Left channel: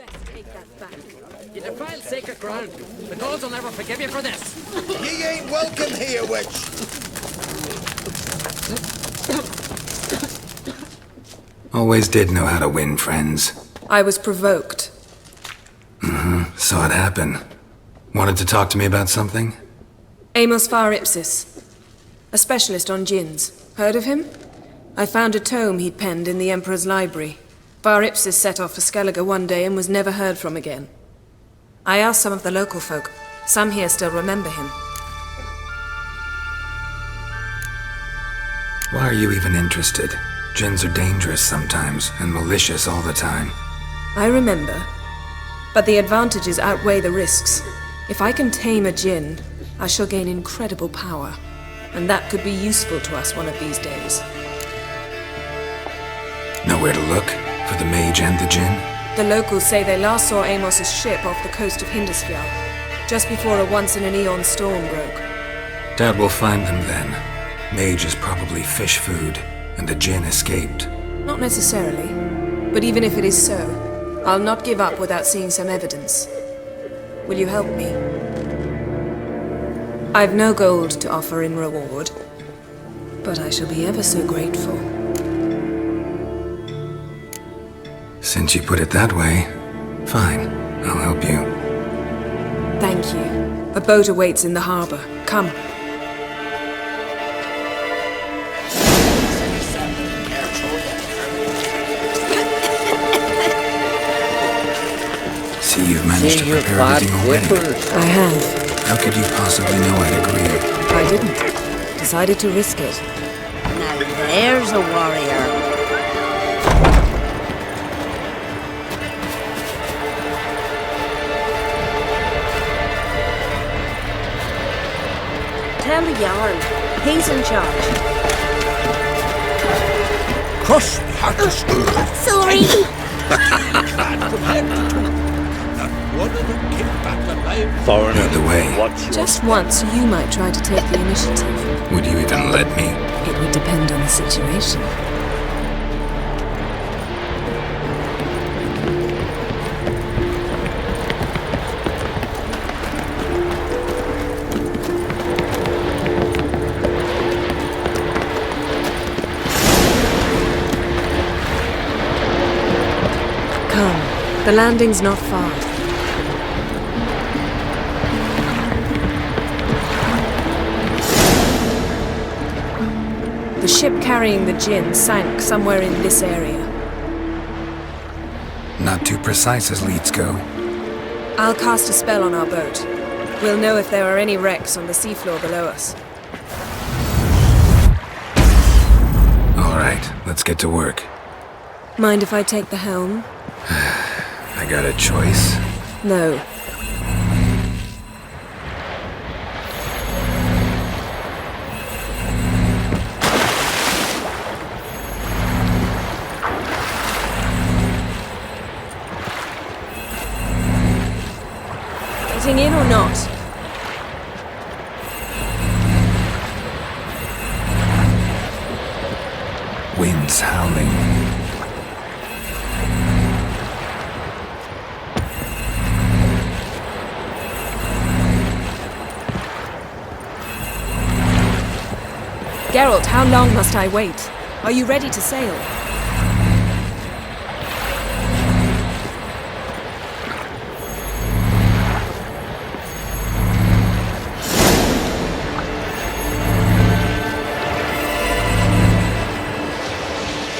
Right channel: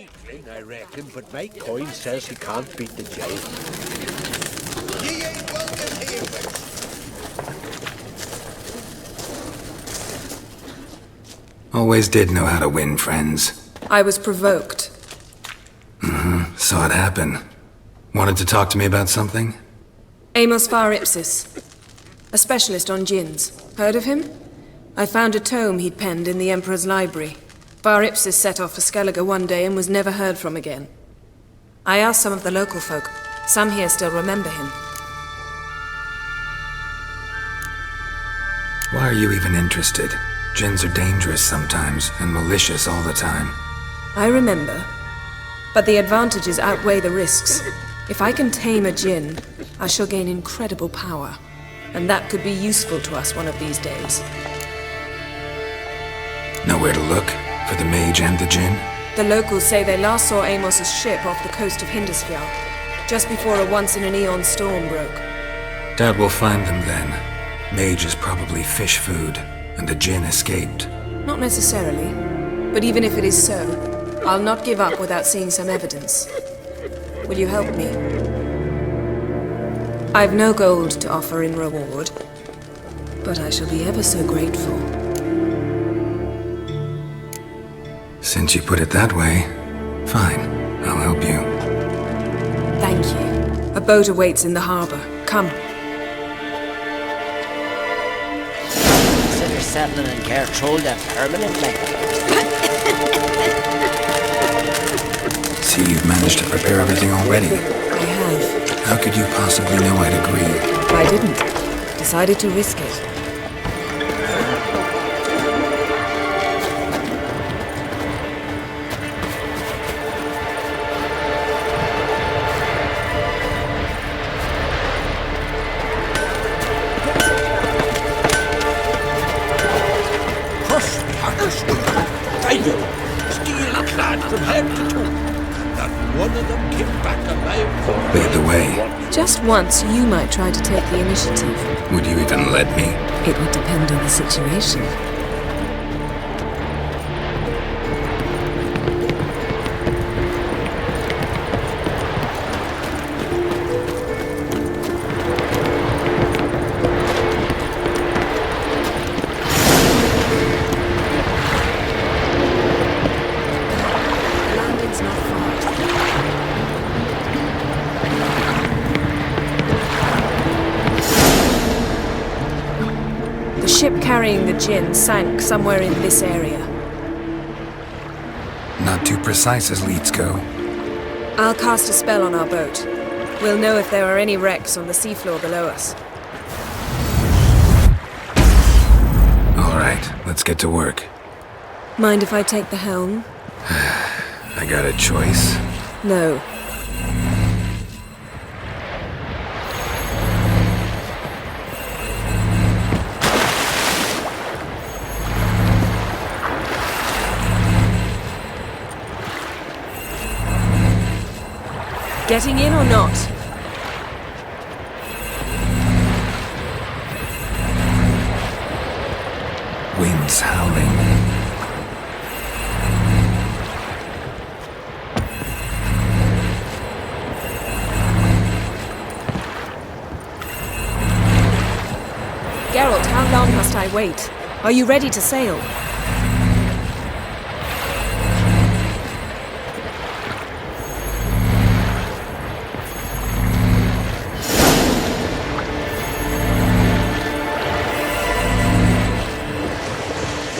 I reckon, but mate, You boy defiled says sacred he ground. can't beat The the gods will never forgive you for this. Ye ain't welcome here, witch. Always did know how to win friends. I was provoked. Saw it happen. Wanted to talk to me about something? Amos Far Ipsis, a specialist on djinns. Heard of him? I found a tome he'd penned in the Emperor's library. Far Ipsis set off for Skellige one day and was never heard from again. I asked some of the local folk. Some here still remember him. Why are you even interested? Djinns are dangerous sometimes, and malicious all the time. I remember. But the advantages outweigh the risks. If I can tame a djinn, I shall gain incredible power. And that could be useful to us one of these days. Nowhere to look? For the mage and the djinn? The locals say they last saw Amos's ship off the coast of Hindisfjall, just before a once-in-an-eon storm broke. Doubt we'll find them then. Mage is probably fish food, and the djinn escaped. Not necessarily. But even if it is so, I'll not give up without seeing some evidence. Will you help me? I've no gold to offer in reward, but I shall be ever so grateful. Since you put it that way, fine. I'll help you. Thank you. A boat awaits in the harbor. Come. Consider settling in Cairtrol there permanently. See, you've managed to prepare everything already. I have. How could you possibly know I'd agree? I didn't. Decided to risk it. Now there's a warrior. Tell me, Yarn. He's in charge. Cross-hearted Sorry. steel clad from head to toe. Not one of them came back alive. Lead the way. Just once, you might try to take the initiative. Would you even let me? It would depend on the situation. Come. The landing's not far. The ship carrying the djinn sank somewhere in this area. Not too precise as leads go. I'll cast a spell on our boat. We'll know if there are any wrecks on the seafloor below us. All right, let's get to work. Mind if I take the helm? I got a choice. No. Getting in or not? Wind's howling. Geralt, how long must I wait? Are you ready to sail?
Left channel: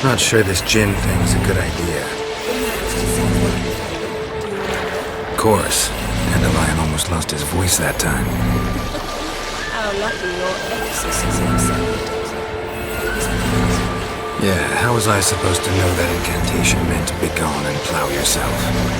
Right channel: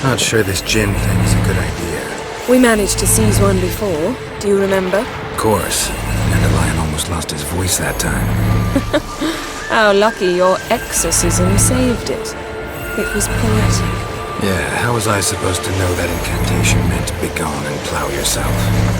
Not sure this djinn thing's a good idea. We managed to seize one before. Do you remember? Of course. Dandelion almost lost his voice that time. How lucky your exorcism saved it. It was poetic. Yeah, how was I supposed to know that incantation meant begone and plow yourself?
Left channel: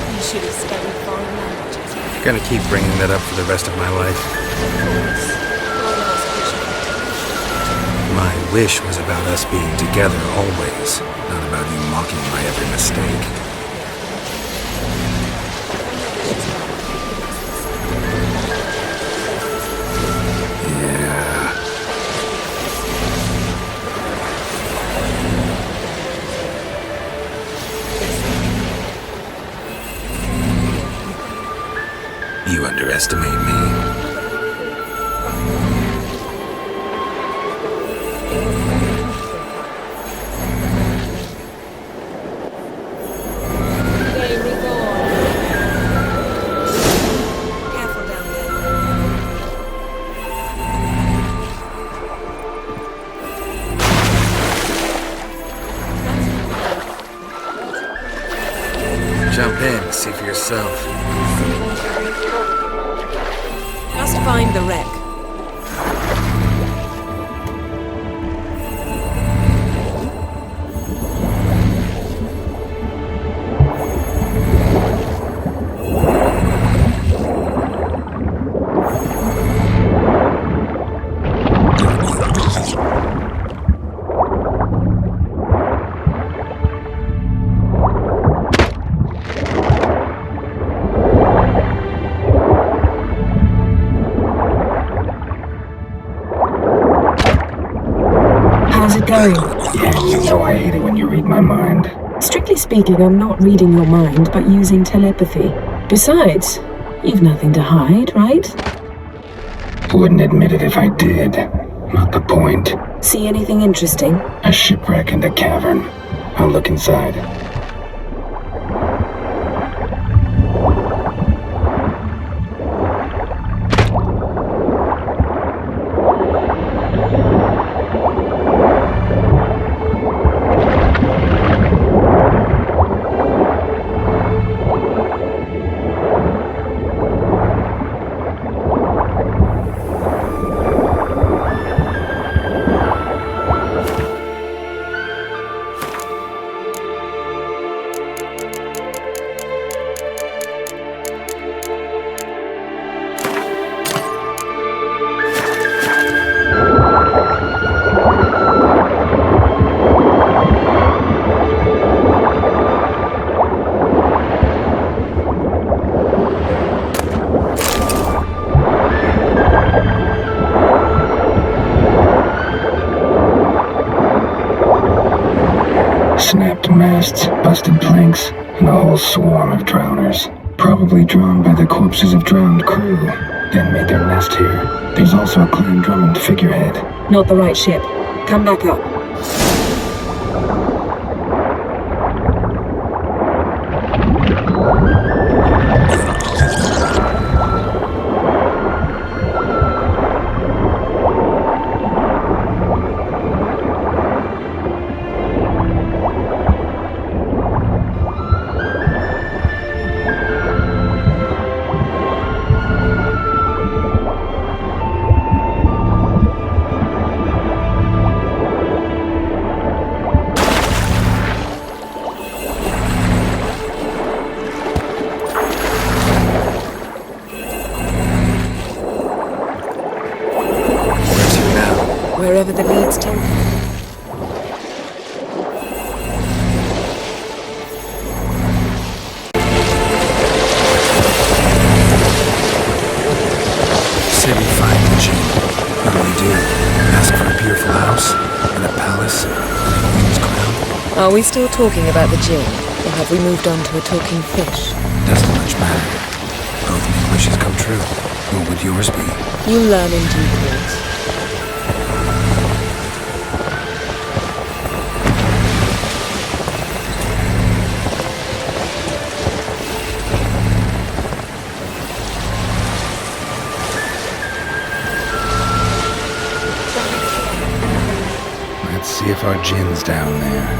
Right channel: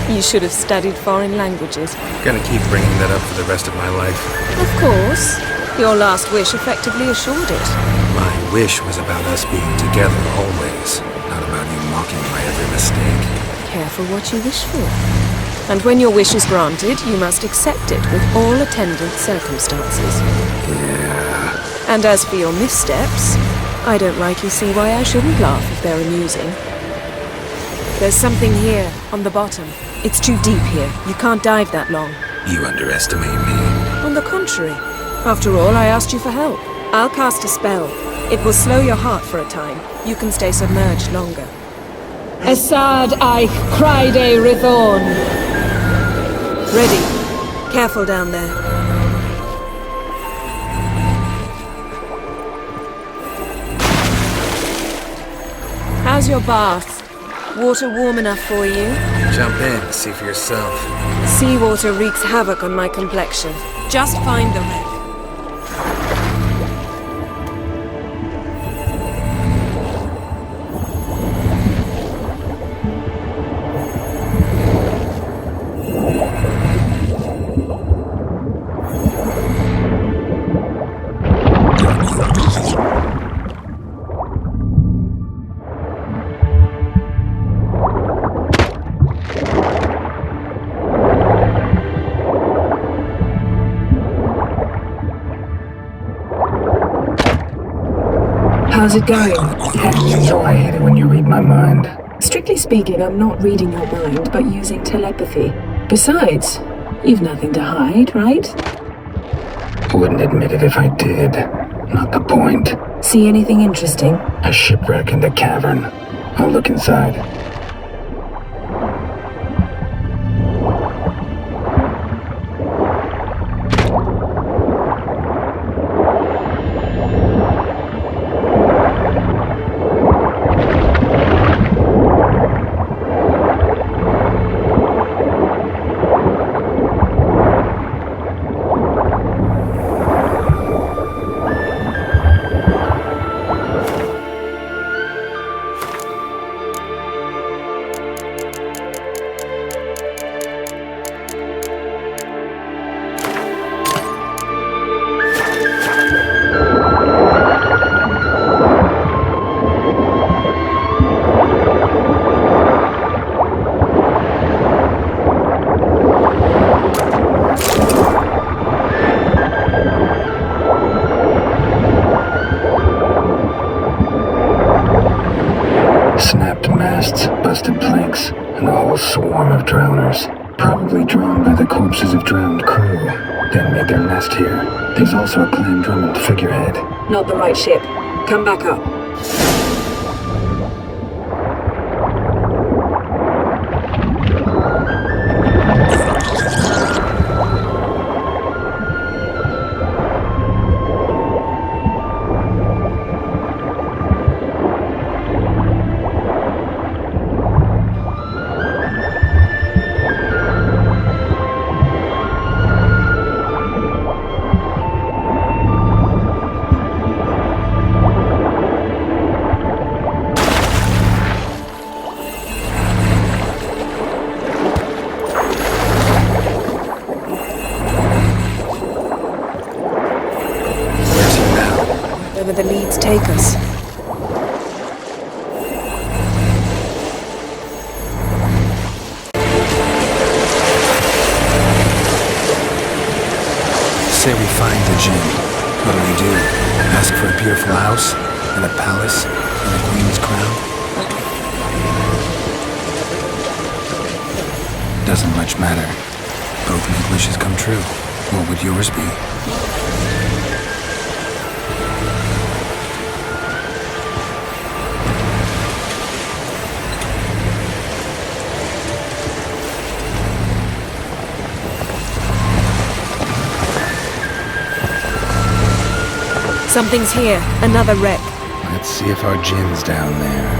You should have studied foreign languages. Gonna keep bringing that up for the rest of my life. Of course. Your last wish effectively assured it. My wish was about us being together always, not about you mocking my every mistake. Careful what you wish for. And when your wish is granted, you must accept it with all attendant circumstances. Yeah. And as for your missteps, I don't rightly see why I shouldn't laugh if they're amusing. There's something here, on the bottom. It's too deep here. You can't dive that long. You underestimate me. On the contrary. After all, I asked you for help. I'll cast a spell. It will slow your heart for a time. You can stay submerged longer. Esad Eich Cryde Rithorn. Ready. Careful down there. How's your bath? Water warm enough for you? Jump in, see for yourself. Seawater wreaks havoc on my complexion. Just find the wreck. How's it going? You know I hate it when you read my mind. Strictly speaking, I'm not reading your mind, but using telepathy. Besides, you've nothing to hide, right? Wouldn't admit it if I did. Not the point. See anything interesting? A shipwreck and a cavern. I'll look inside. Snapped masts, busted planks, and a whole swarm of drowners. Probably drawn by the corpses of drowned crew, then made their nest here. There's also a Clan Drummond figurehead. Not the right ship. Come back up. Wherever the leads take us. Say we find the Jinn. What do we do? Ask for a beautiful house? And a palace? And a queen's crown? Are we still talking about the Jinn? Or have we moved on to a talking fish? Doesn't much matter. Both make wishes come true. What would yours be? You'll learn in due course. Something's here. Another wreck. Let's see if our Jinn's down there.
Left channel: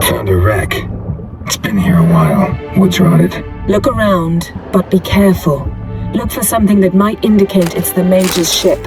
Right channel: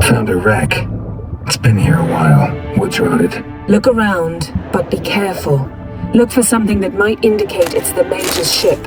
Found a wreck. It's been here a while. What's on it? Look around, but be careful. Look for something that might indicate it's the Mage's ship.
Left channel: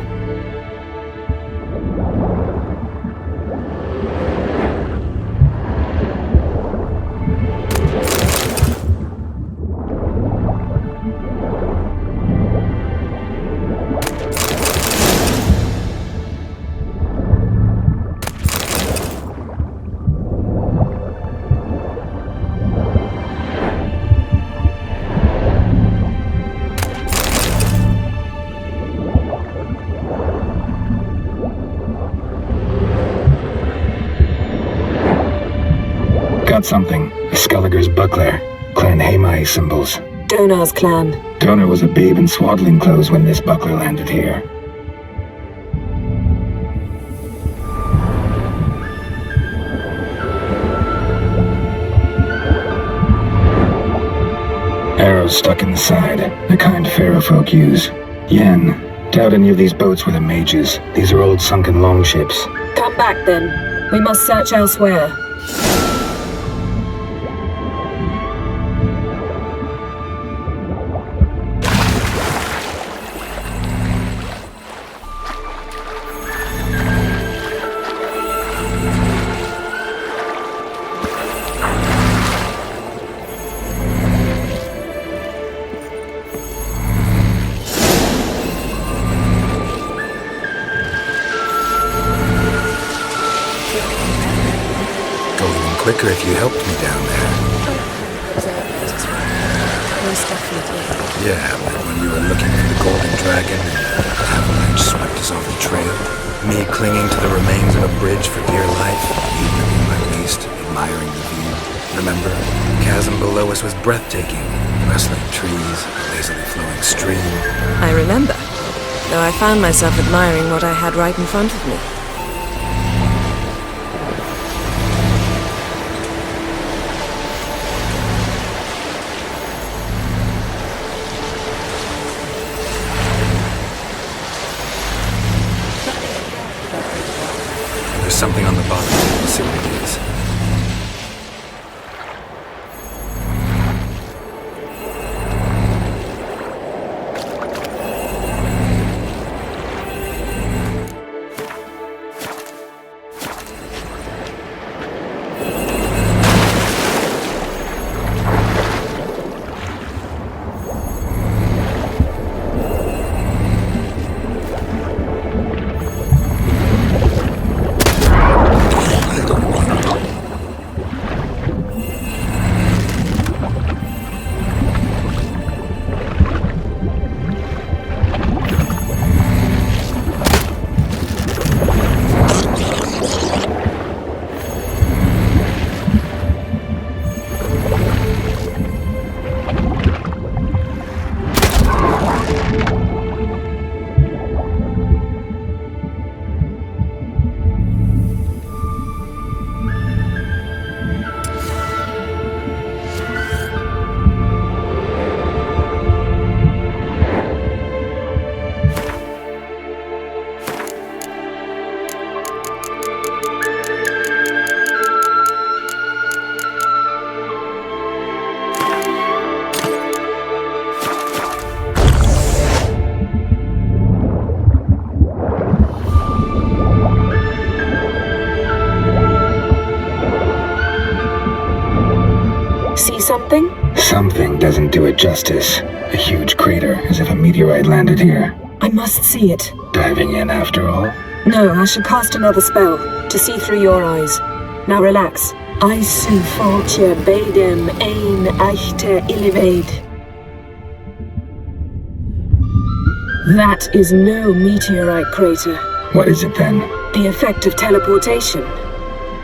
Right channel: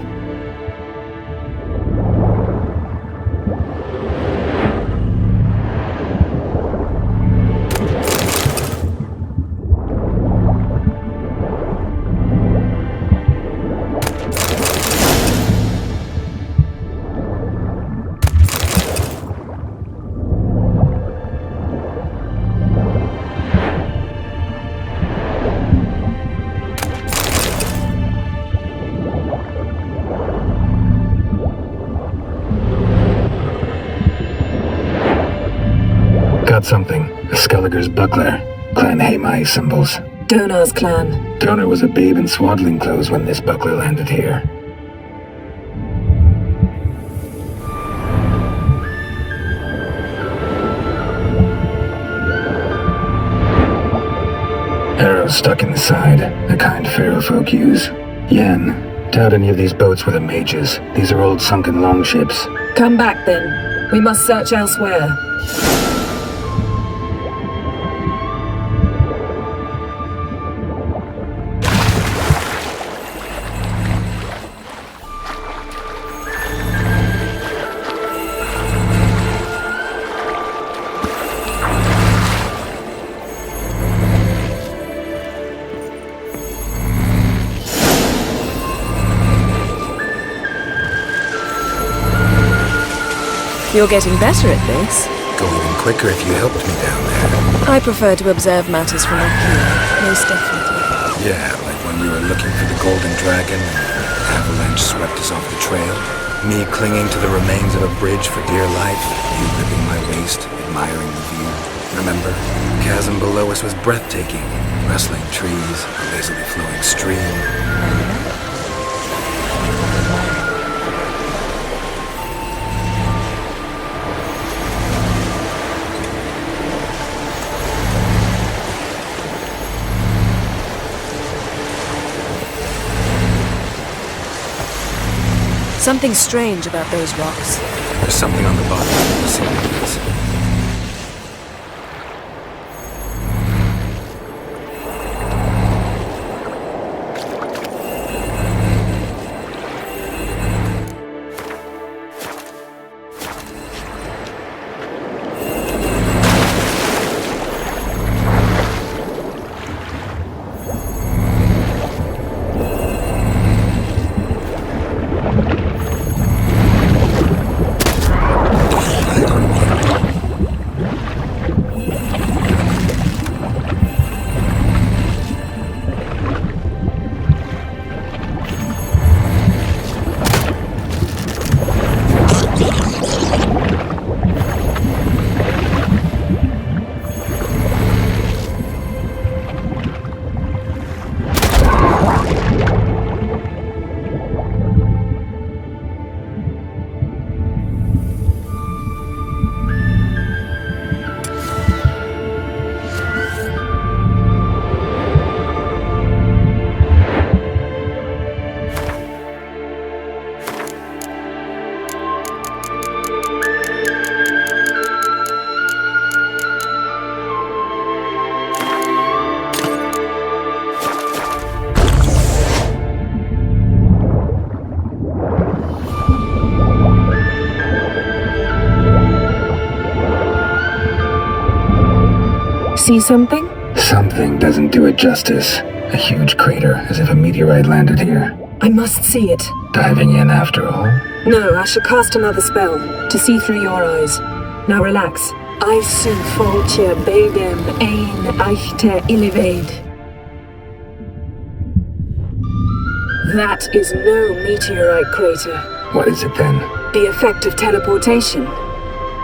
Got something. A Skellige's buckler. Clan Hamai symbols. Donar's clan. Donar was a babe in swaddling clothes when this buckler landed here. Arrows stuck in the side, the kind Pharaoh folk use. Yen, doubt any of these boats were the mages. These are old sunken longships. Come back then. We must search elsewhere. You're getting better at this. Go even quicker if you helped me down there. I prefer to observe matters from up here, most definitely. Yeah, like when we were looking for the Golden Dragon and the avalanche swept us off the trail. Me clinging to the remains of a bridge for dear life. You gripping my waist, admiring the view. Remember? Chasm below us was breathtaking. Rustling trees, a lazily flowing stream. I remember, though I found myself admiring what I had right in front of me. Something strange about those rocks. And there's something on the bottom. We'll see what it is. See something? Something doesn't do it justice. A huge crater, as if a meteorite landed here. I must see it. Diving in after all? No, I shall cast another spell, to see through your eyes. Now relax. Aisu foltia beidem ein eichte illivaid. That is no meteorite crater. What is it then? The effect of teleportation.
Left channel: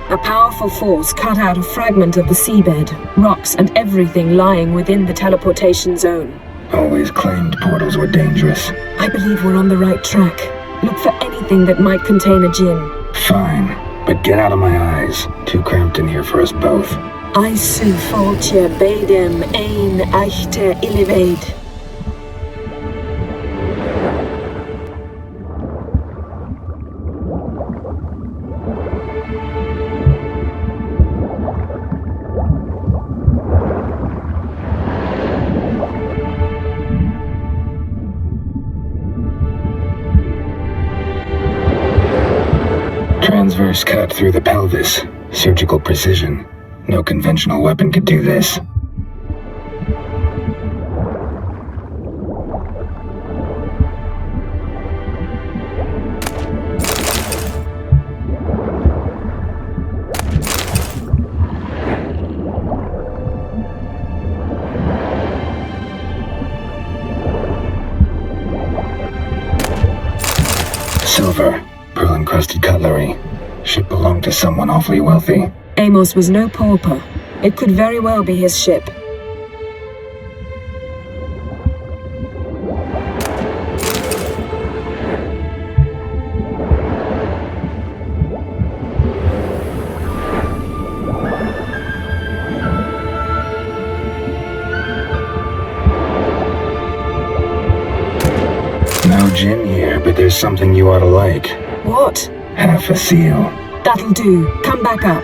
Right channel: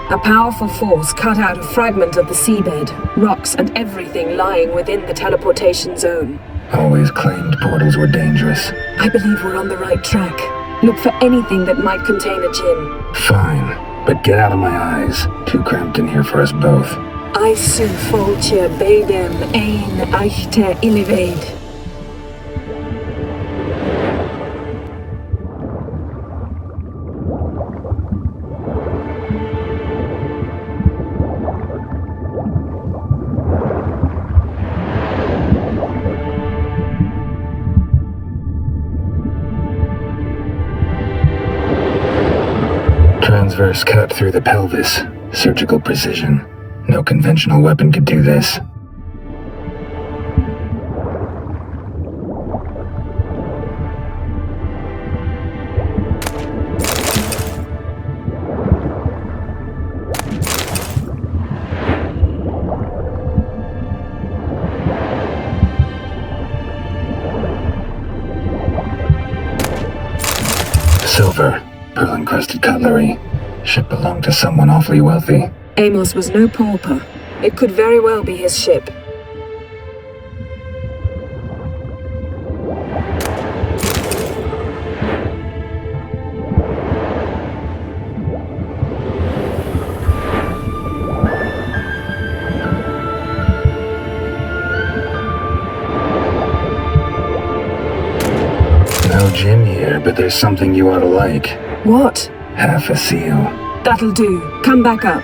A powerful force cut out a fragment of the seabed, rocks and everything lying within the teleportation zone. Always claimed portals were dangerous. I believe we're on the right track. Look for anything that might contain a djinn. Fine, but get out of my eyes. Too cramped in here for us both. Aisu foltia beidem ein eichte illivaid. transverse cut through the pelvis. Surgical precision. No conventional weapon could do this. Silver, pearl-encrusted cutlery. Ship belonged to someone awfully wealthy. Amos was no pauper. It could very well be his ship. No gin here, but there's something you ought to like. What? Half a seal. That'll do. Come back up.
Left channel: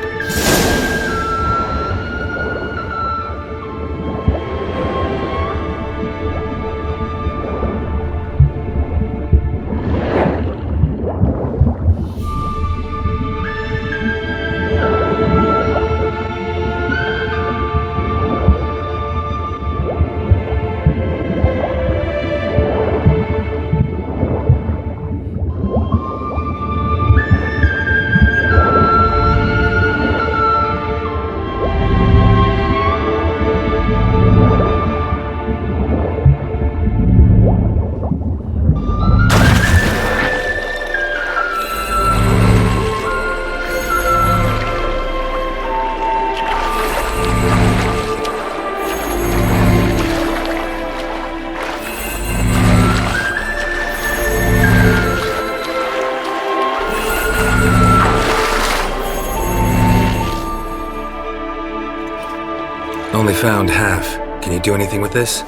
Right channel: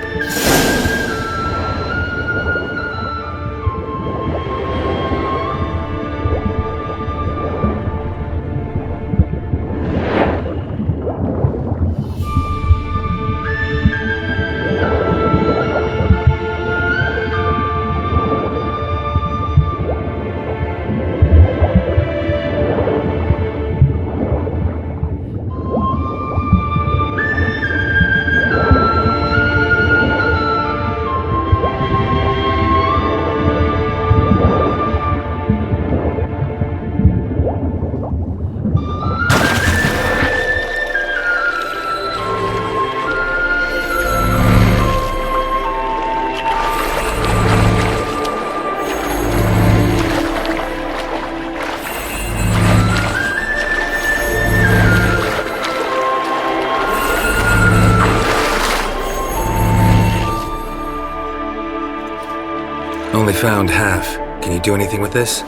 Only found half. Can you do anything with this?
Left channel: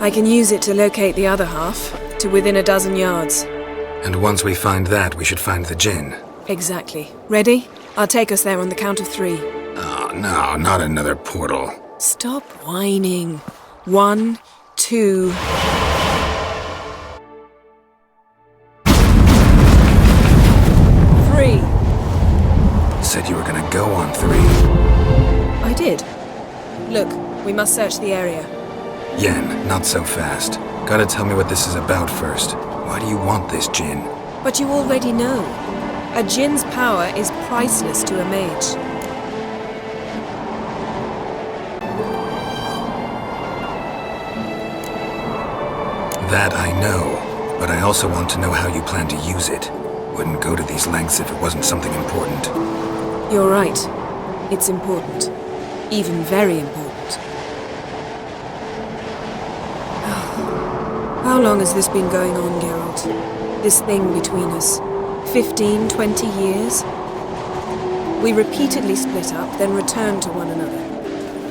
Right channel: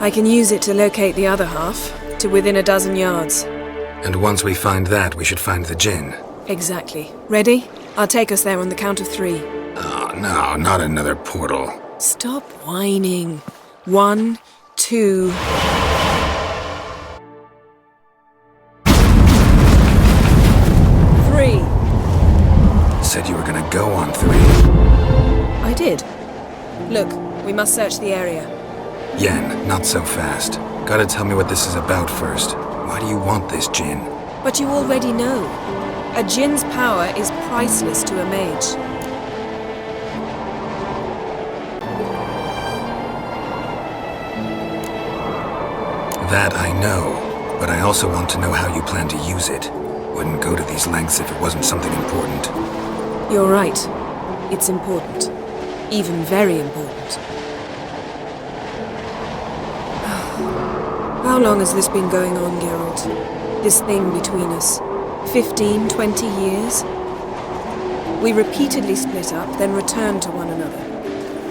I can use it to locate the other half, to within a dozen yards. And once we find that, we should find the gin. Exactly. Ready? I'll take us there on the count of 3. Oh, no, not another portal. Stop whining. 1, 2... Three. Said you were gonna go on 3. I did. Look, we must search the area. Yen, not so fast. Gotta tell me what this is about first. Why do you want this gin? But you already know. A djinn's power is priceless to a mage. That I know, but I also want to know how you plan to use it. Wouldn't go to these lengths if it wasn't something important. You're right. It's important. Even very important. How long has this been going on, Geralt? This thing between us? 15, 20 years? We repeatedly split up, then return to one another.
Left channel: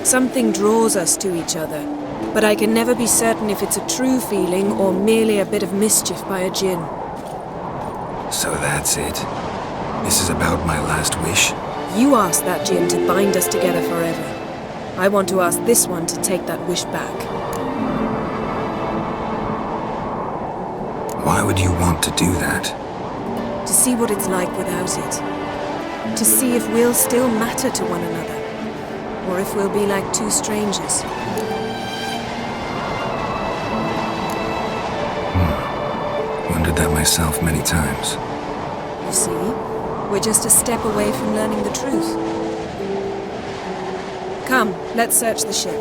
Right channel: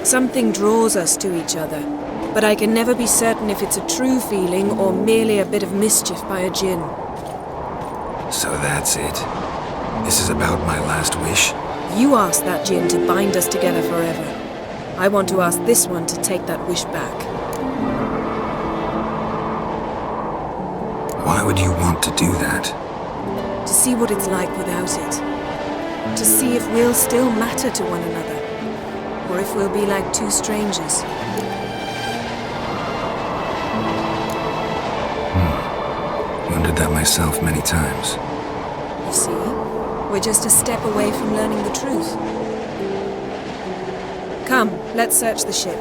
Something draws us to each other, but I can never be certain if it's a true feeling or merely a bit of mischief by a djinn. So that's it. This is about my last wish? You asked that djinn to bind us together forever. I want to ask this one to take that wish back. Why would you want to do that? To see what it's like without it. To see if we'll still matter to one another. Or if we'll be like two strangers. Wondered that myself many times. You see? We're just a step away from learning the truth. Come, let's search the ship.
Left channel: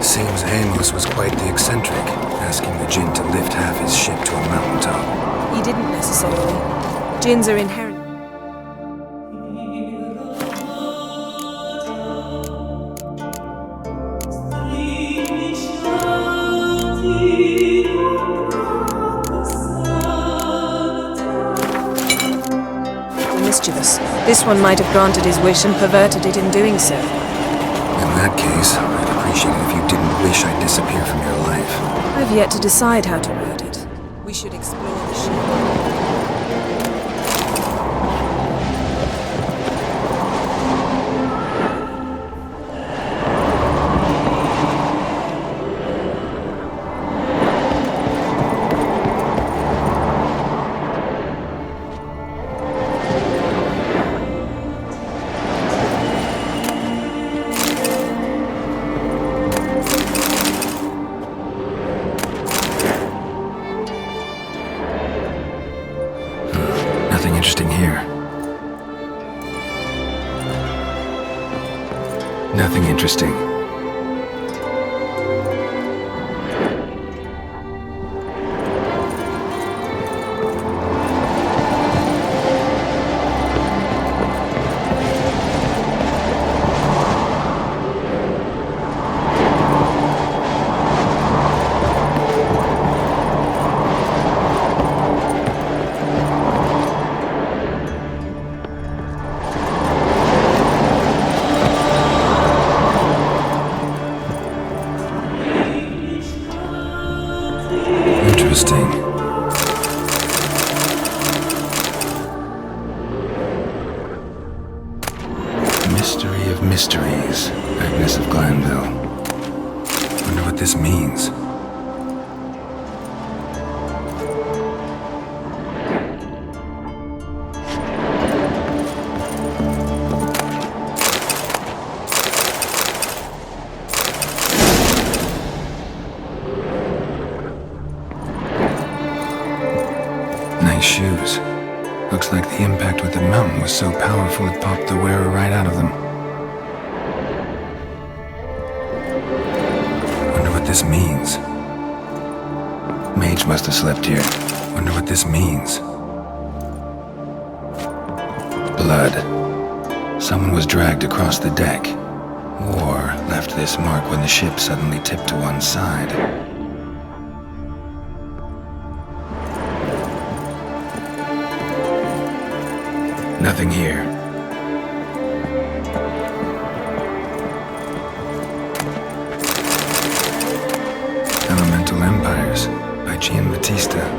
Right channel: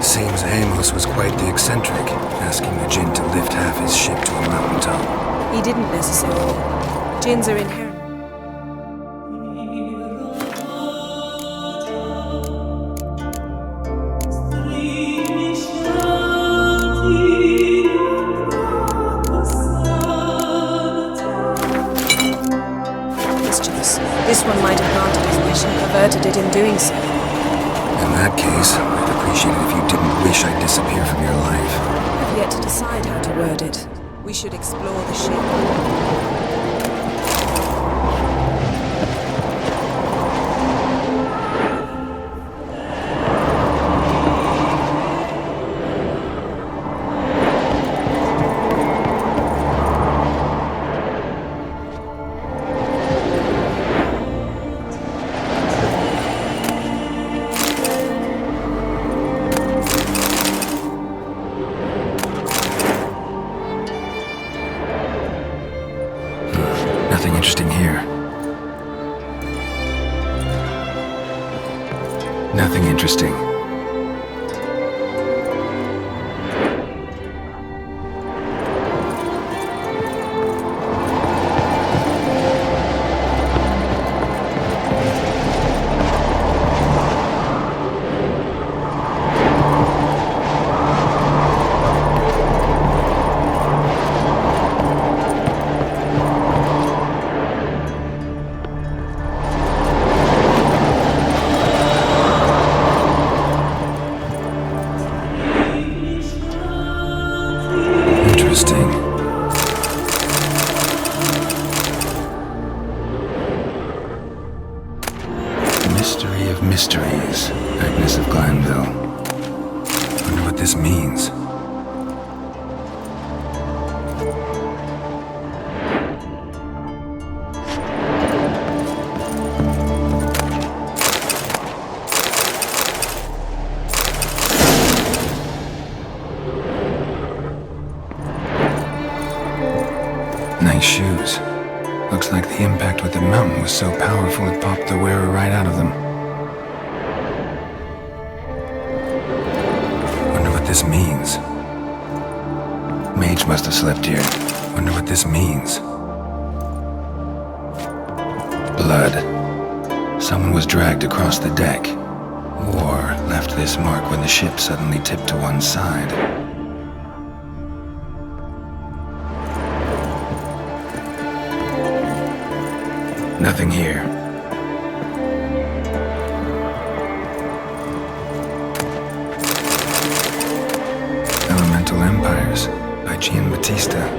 Seems Amos was quite the eccentric, asking the djinn to lift half his ship to a mountaintop. He didn't necessarily. Djinns are inherent. Mischievous. This one might have granted his wish and perverted it in doing so. In that case, I'd appreciate it if you didn't wish I'd disappear from your life. I've yet to decide how to word it. We should explore the ship. Nothing interesting here. Nothing interesting. Interesting. Mystery of mysteries, Agnes of Glanville. Wonder what this means. Nice shoes. Looks like the impact with the mountain was so powerful it popped the wearer right out of them. Wonder what this means. Mage must have slept here. Wonder what this means. Blood. Someone was dragged across the deck. Or left this mark when the ship suddenly tipped to one side. Nothing here. Elemental Empires by Giambattista.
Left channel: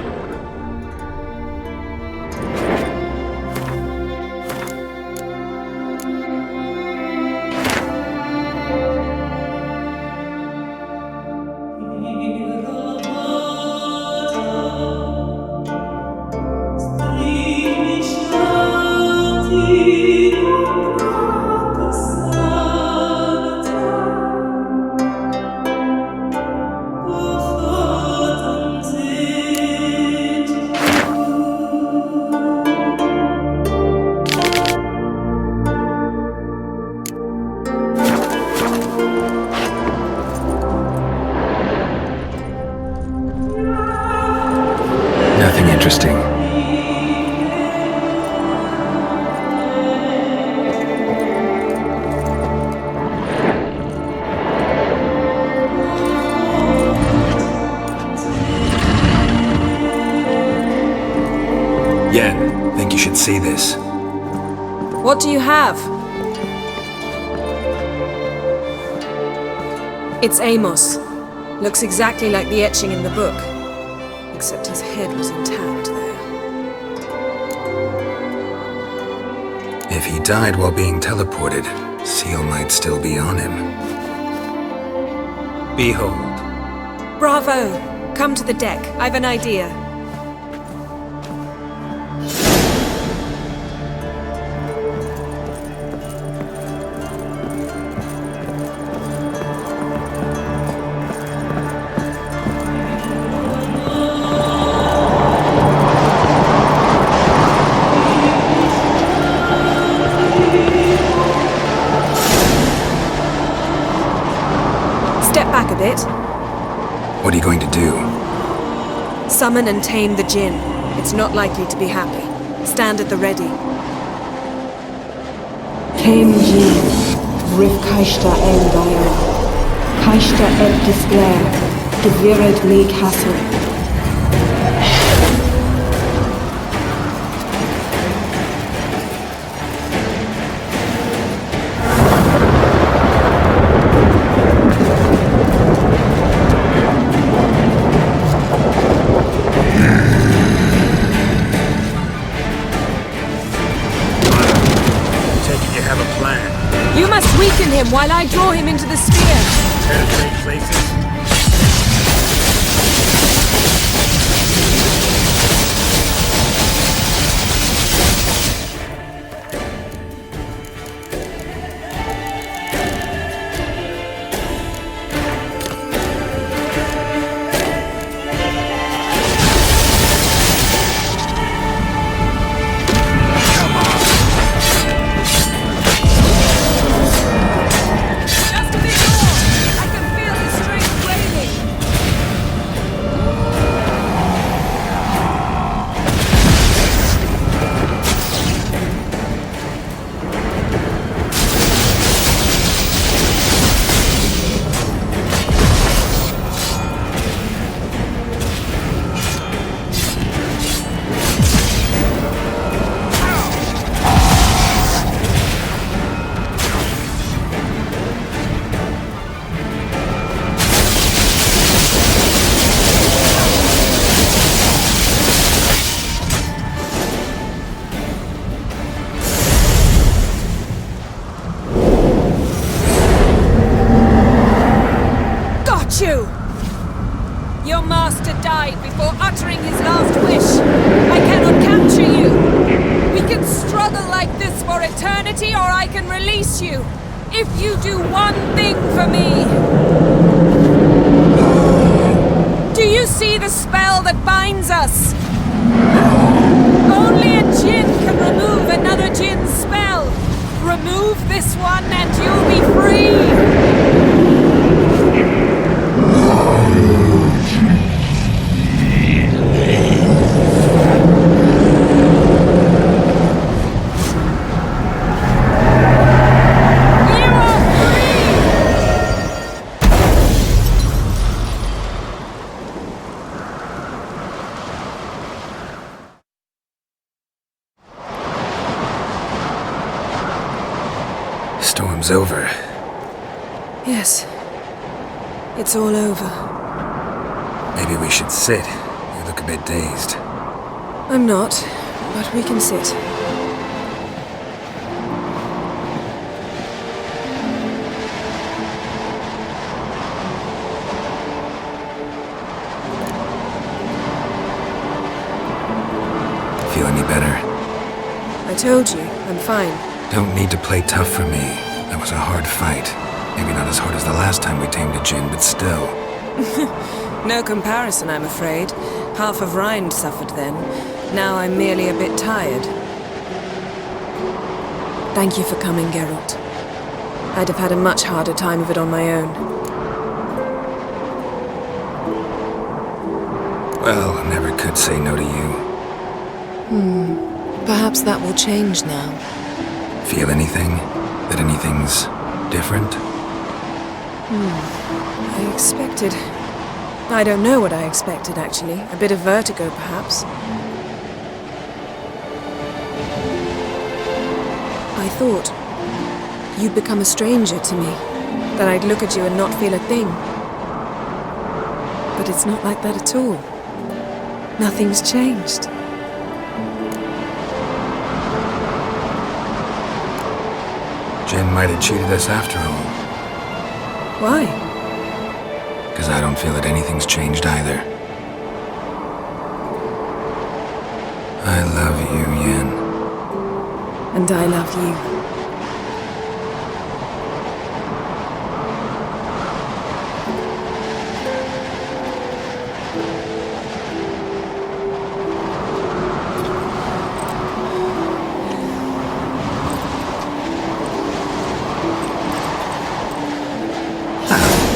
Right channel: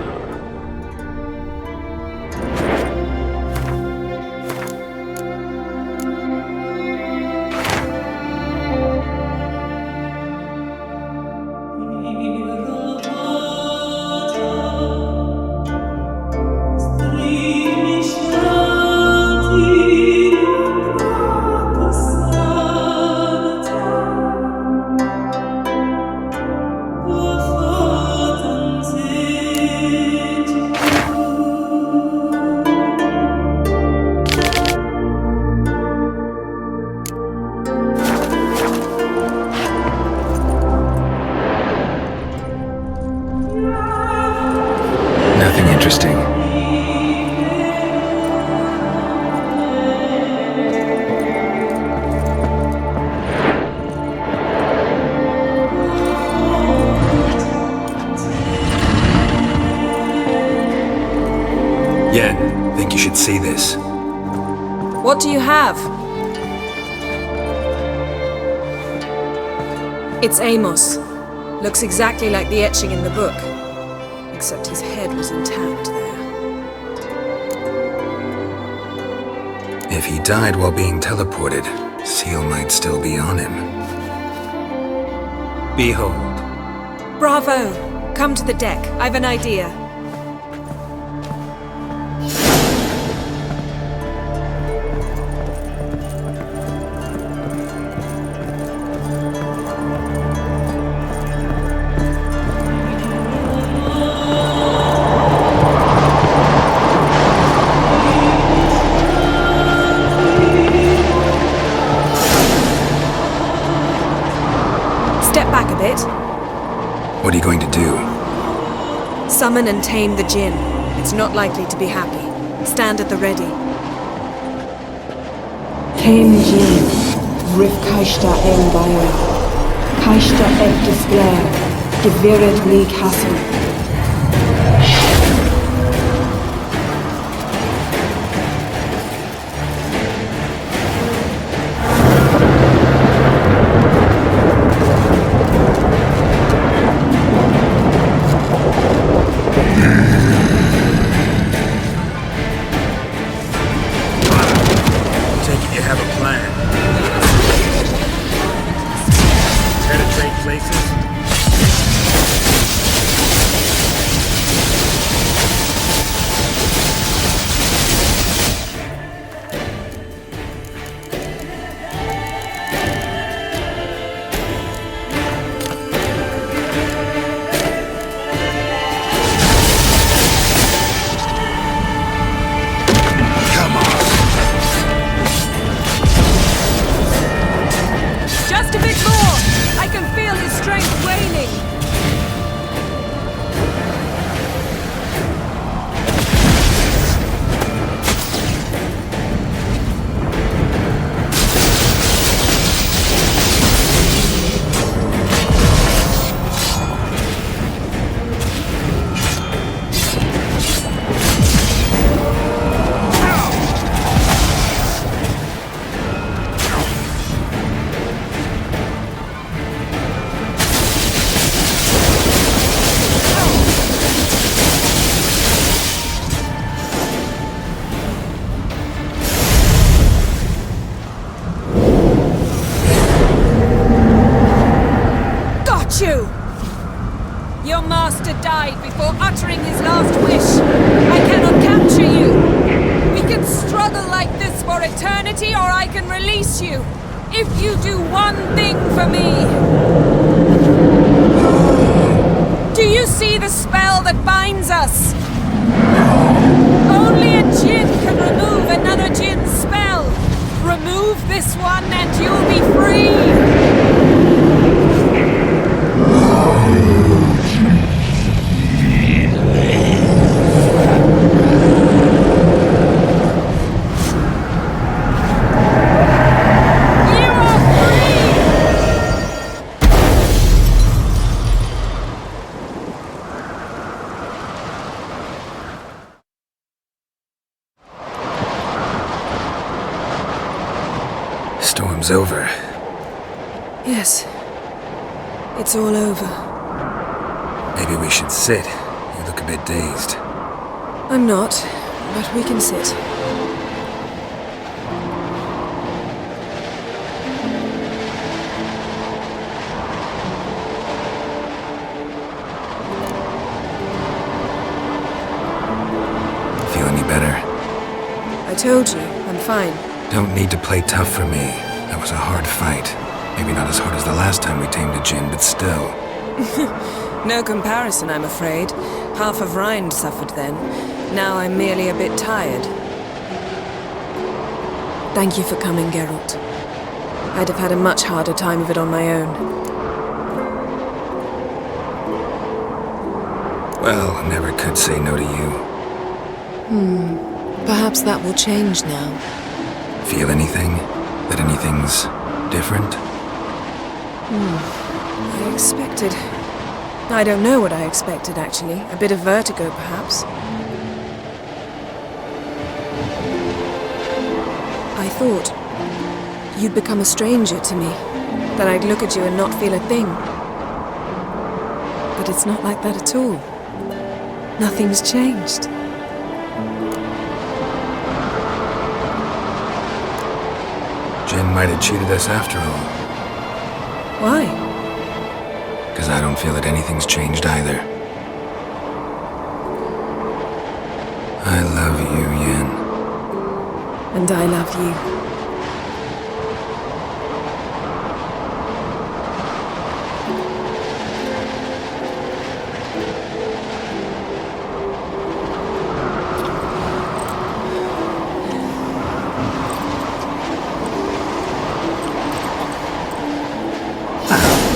Nothing interesting. Yen, think you should see this. What do you have? It's Amos. Looks exactly like the etching in the book. Except his head was intact there. If he died while being teleported, Seal might still be on him. Behold. Bravo! Come to the deck. I've an idea. Step back a bit. What are you going to do? Summon and tame the Jinn. It's not likely to be happy. Stand at the ready. Tame Jinn, Rif Kaishta en Gaia, Kaishta et Disglair, Gevired me Castle. Take it you have a plan. You must weaken him while I draw him into the sphere. Care to trade places? hate you! Your master died before uttering his last wish. I cannot capture you. We can struggle like this for eternity, or I can release you. If you do one thing for me. Do you see the spell that binds us? Only a djinn can remove another djinn's spell. Remove this one and you'll be free. You are free! Storm's over. Yes. It's all over. Maybe we should sit. You look a bit dazed. I'm not, but we can sit. Feel any better? I told you, I'm fine. Don't need to play tough for me. That was a hard fight. Maybe not as hard as the last time we tamed a djinn, but still. No comparison, I'm afraid. Half of Rind suffered then. Now I'm merely a bit tired. Thank you for coming, Geralt. I'd have had a much harder time of it on my own. Well, I never could say no to you. Perhaps that will change now. Feel anything? That anything's different? I expected... I don't know what I expected, actually. A bit of vertigo, perhaps. I thought you'd become a stranger to me. That I'd look at you and not feel a thing. But it's not like that at all. Nothing's changed. Jinn might have cheated us after all. Why? Because I don't feel that anything's changed either. I love you, Yen. And I love you.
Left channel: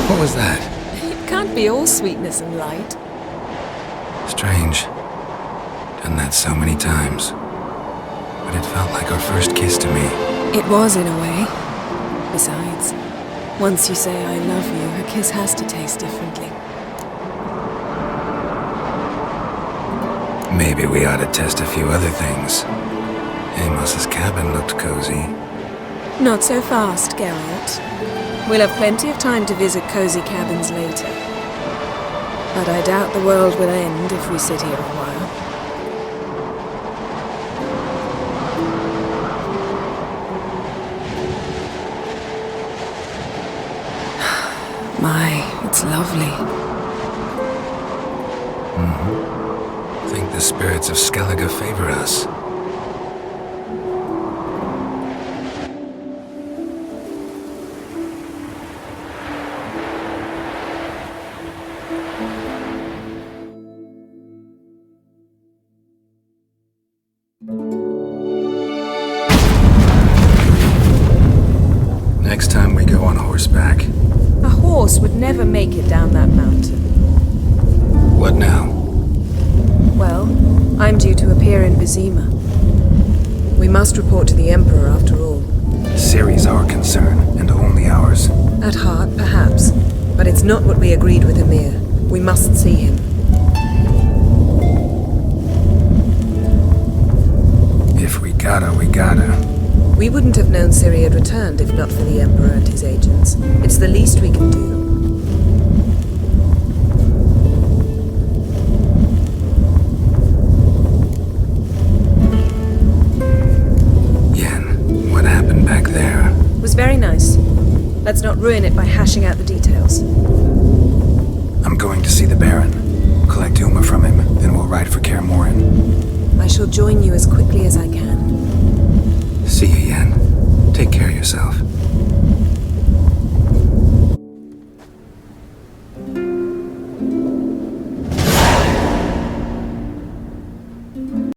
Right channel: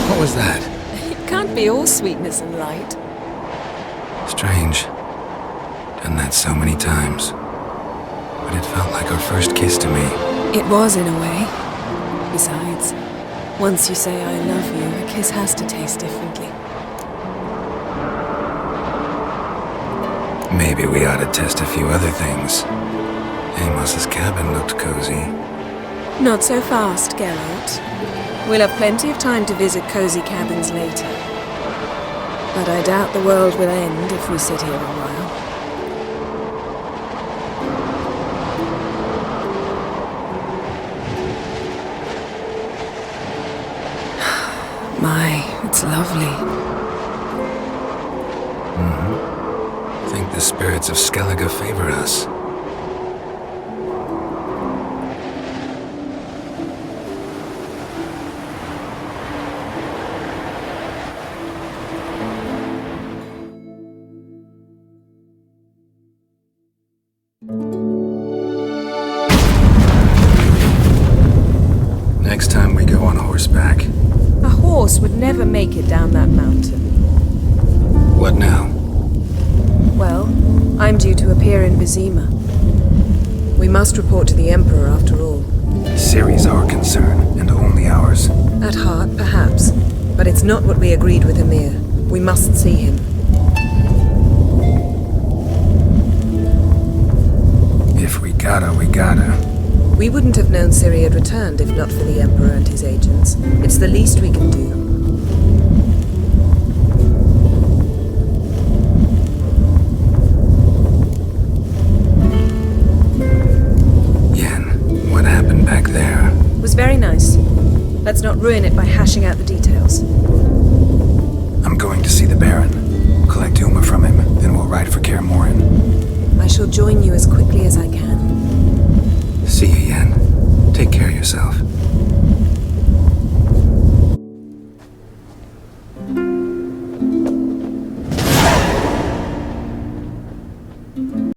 What was that? It can't be all sweetness and light. Strange. Done that so many times. But it felt like our first kiss to me. It was, in a way. Besides, once you say I love you, a kiss has to taste differently. Maybe we ought to test a few other things. Amos's cabin looked cozy. Not so fast, Geralt. We'll have plenty of time to visit cozy cabins later. But I doubt the world will end if we sit here a while. My, it's lovely. Think the spirits of Skellige favor us. Next time we go on horseback. A horse would never make it down that mountain. What now? Well, I'm due to appear in Vizima. We must report to the Emperor after all. Ciri's our concern, and only ours. At heart, perhaps. But it's not what we agreed with Emir. We must see him. If we gotta, we gotta. We wouldn't have known Ciri had returned if not for the Emperor and his agents. It's the least we can do. Yen, what happened back there? It was very nice. Let's not ruin it by hashing out the details. I'm going to see the Baron. Collect Uma from him, then we'll ride for Kaer Morhen. I shall join you as quickly as I can. See you, Yen. Take care of yourself.